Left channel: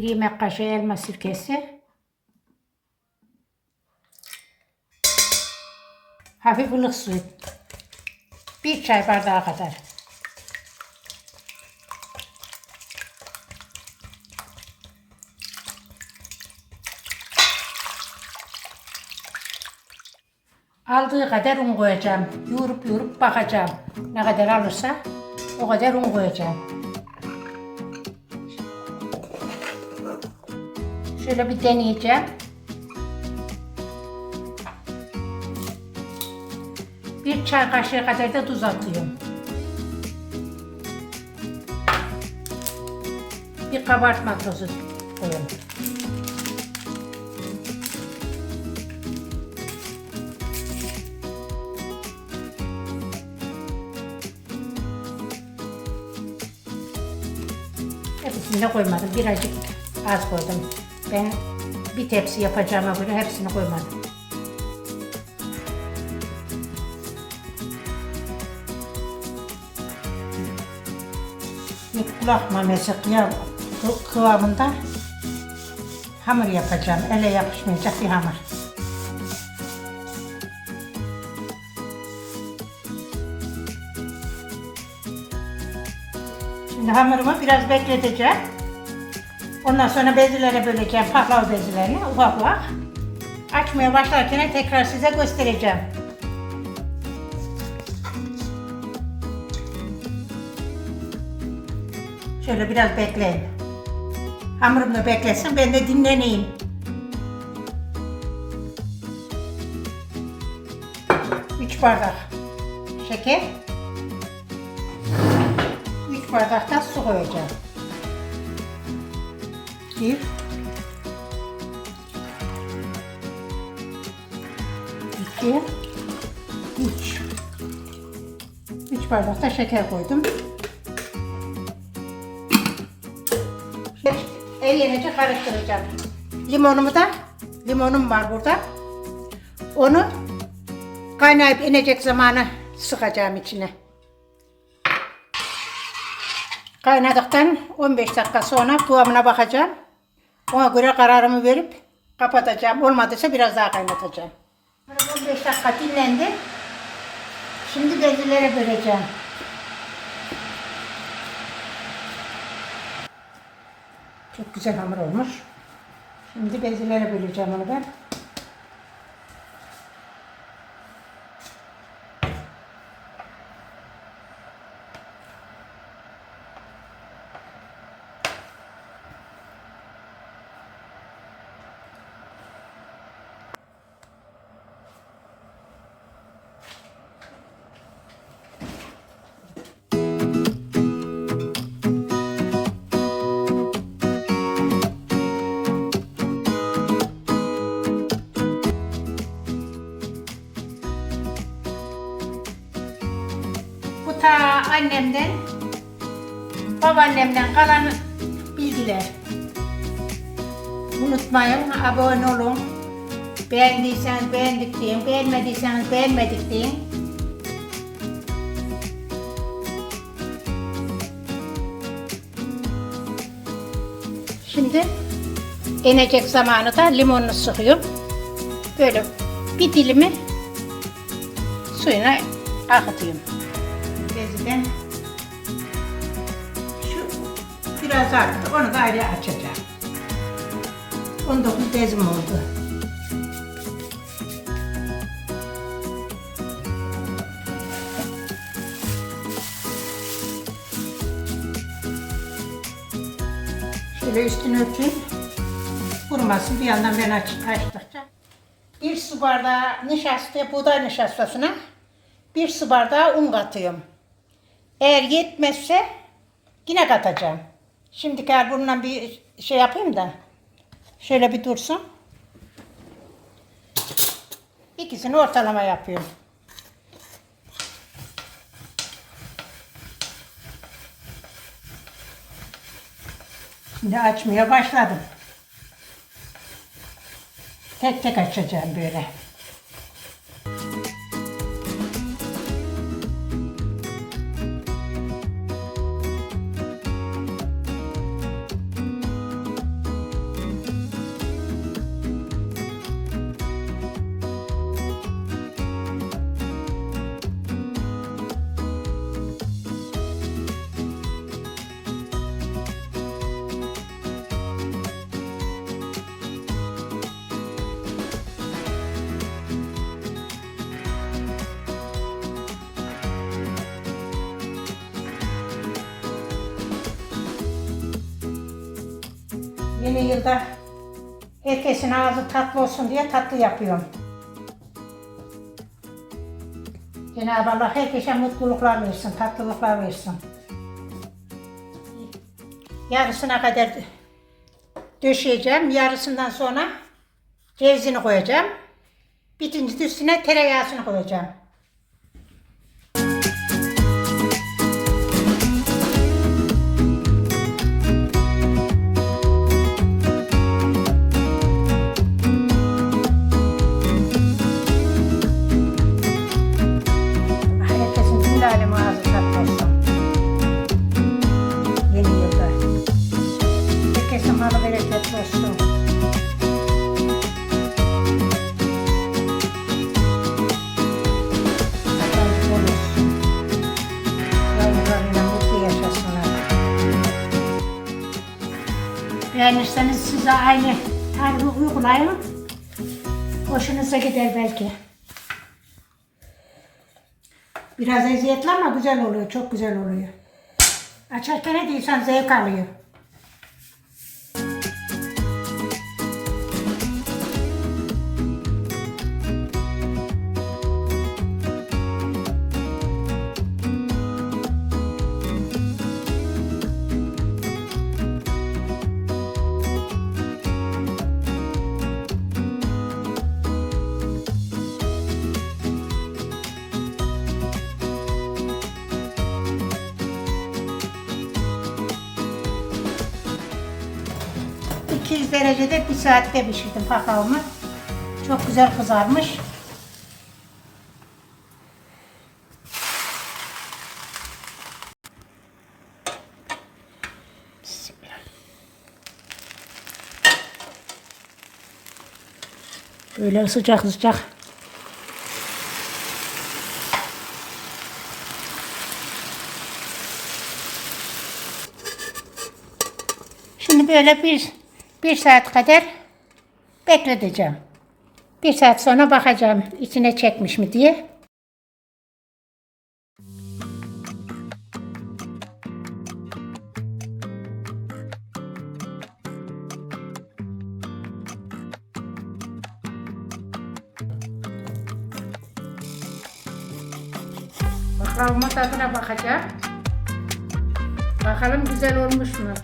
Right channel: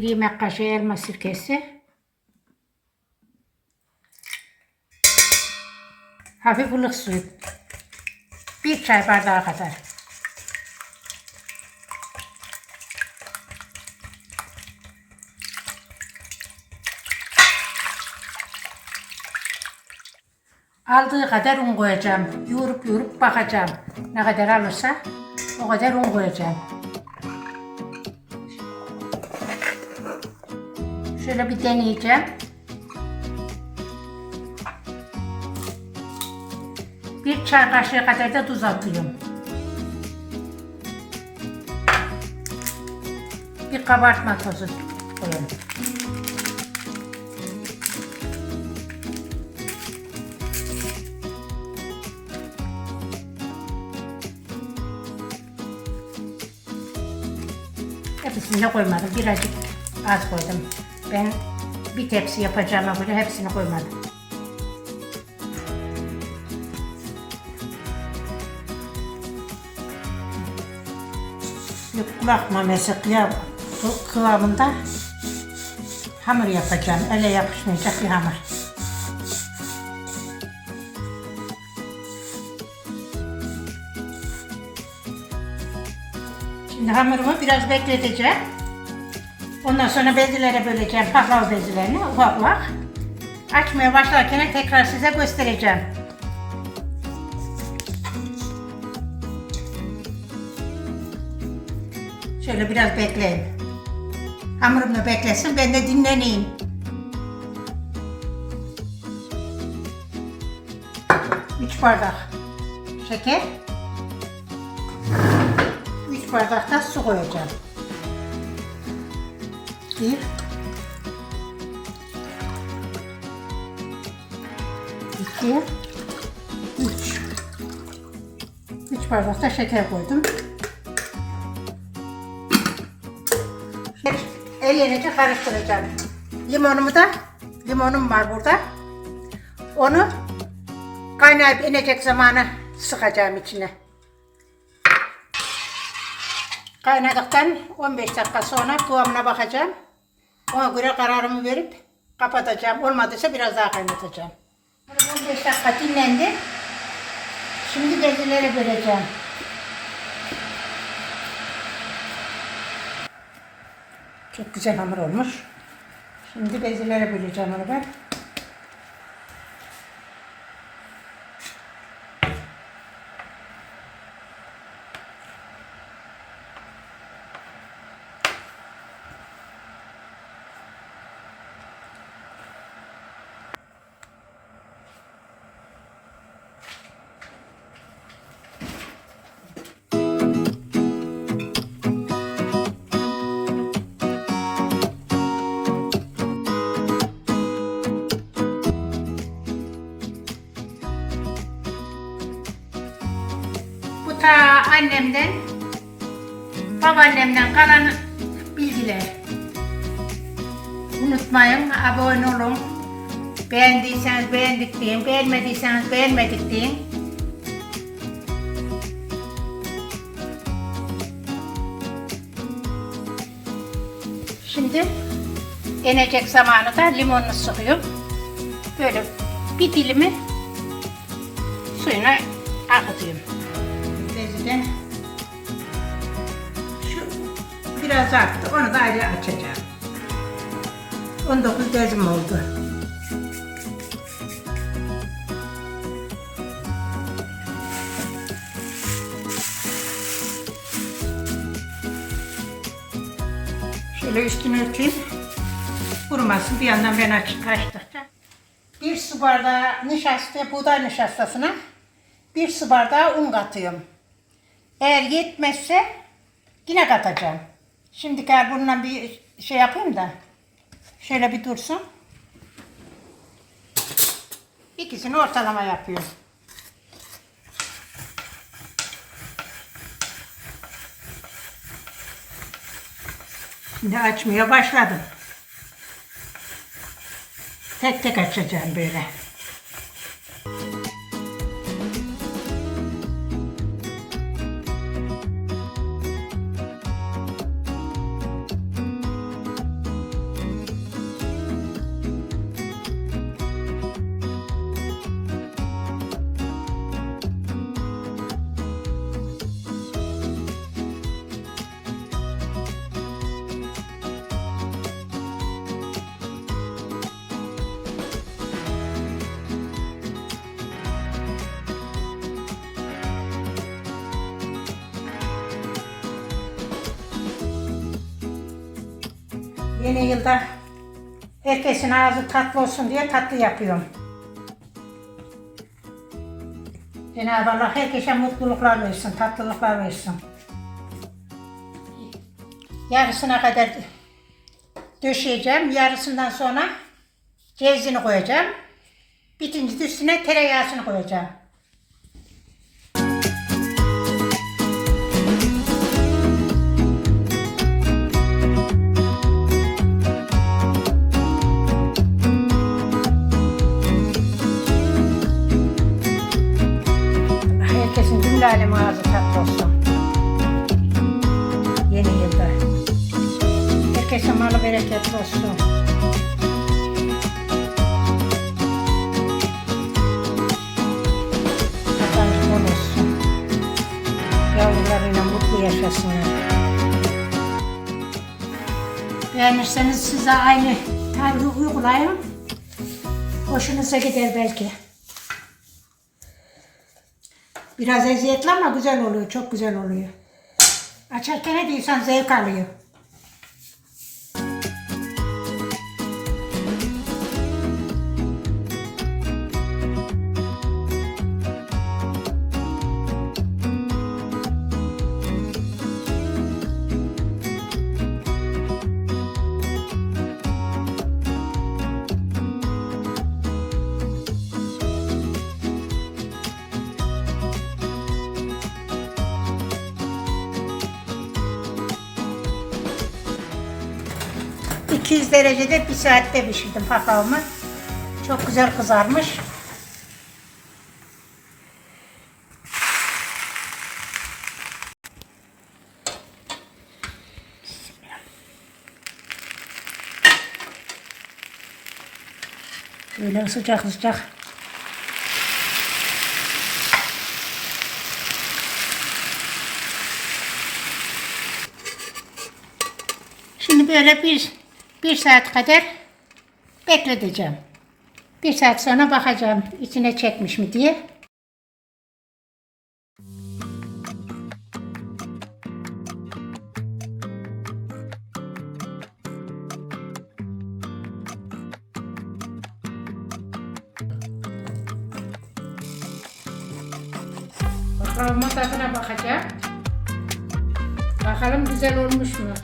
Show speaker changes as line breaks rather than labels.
Bir yemek kaşığı elma sirkesi. Hafif ılık suyu. Bir çay bardağı kadar. Aldığı kadar un koyacağım. Yoğurup yoğurup bakacağım. Ne kadar alırsa o kadar un koyacağım. Şöyle bir deneyeceğim. Bir çay kaşığı kadar da tuz atıyorum. Bir kabartma tozu koyuyorum. Hepsini de koymadım. Birazcık az koydum. Ben bir tepsi yapacağıma göre hepsini koymadım. Yok kulak bu kıvamında hamur yapacağım. Ele yapışmayacak bir hamur. Şimdi hamurumu biraz bekleteceğim. Ondan sonra bezilere böleceğim. Paklav bezilerini ufak ufak. Açmaya başlarken tekrar size göstereceğim. Şöyle biraz bekleyin. Hamurum da beklesin. Ben de dinleneyim. Üç bardak şeker. Üç bardak da su koyacağım. Bir. İki. Üç. Üç bardak da şeker koydum. Hep ellenince karıştıracağım. Limonumu da, limonum var burada. Onu kaynayıp inecek zamanı sıkacağım içine. Kaynadıktan 15 dakika sonra kıvamına bakacağım. Ona göre kararımı verip kapatacağım. Olmadıysa biraz daha kaynatacağım. 15 dakika dinlendi. Şimdi bezilere böleceğim. Çok güzel hamur olmuş. Şimdi bezilere böleceğim onu ben. Ta annemden, babaannemden kalan bilgiler. Unutmayın, abone olun. Beğendiyseniz beğendik deyin, beğenmediyseniz beğenmedik deyin. Şimdi inecek zamanı da limonunu sıkıyorum. Böyle bir dilimi suyuna akıtıyorum. Beziden şu biraz arttı. Onu da ayrı açacağım. 19 bezim oldu. Şöyle üstünü örteyim. Kurumasın. Bir yandan ben aç, açtıkça. Bir su bardağı nişasta, buğday nişastasına bir su bardağı un katıyorum. Eğer yetmezse yine katacağım. Şimdi gel bununla bir şey yapayım da. Şöyle bir dursun. İkisini ortalama yapıyorum. Şimdi açmaya başladım. Tek tek açacağım böyle. Yeni yılda herkesin ağzı tatlı olsun diye tatlı yapıyorum. Cenab-ı Allah herkese mutluluklar versin, tatlılıklar versin. Yarısına kadar döşeyeceğim. Yarısından sonra cevizini koyacağım. Bitince üstüne tereyağısını koyacağım. Cümle alemin ağzı tatlı olsun. Yeni yılda. Herkesin malı bereketli olsun. Bol olsun. Yavrularıyla mutlu yaşasınlar. Beğenirseniz siz de aynı tarifi uygulayın. Hoşunuza gider belki. Biraz eziyetli ama güzel oluyor, çok güzel oluyor. Açarken ne diyorsan zevk alıyor. ...200 derecede bir saatte pişirdim pakavımı. Çok güzel kızarmış. Böyle sıcak sıcak. Şimdi böyle bir, bir saat kadar bekleteceğim. Bir saat sonra bakacağım içine çekmiş mi diye. Bakalım tadına bakacağım. Bakalım güzel olmuş mu?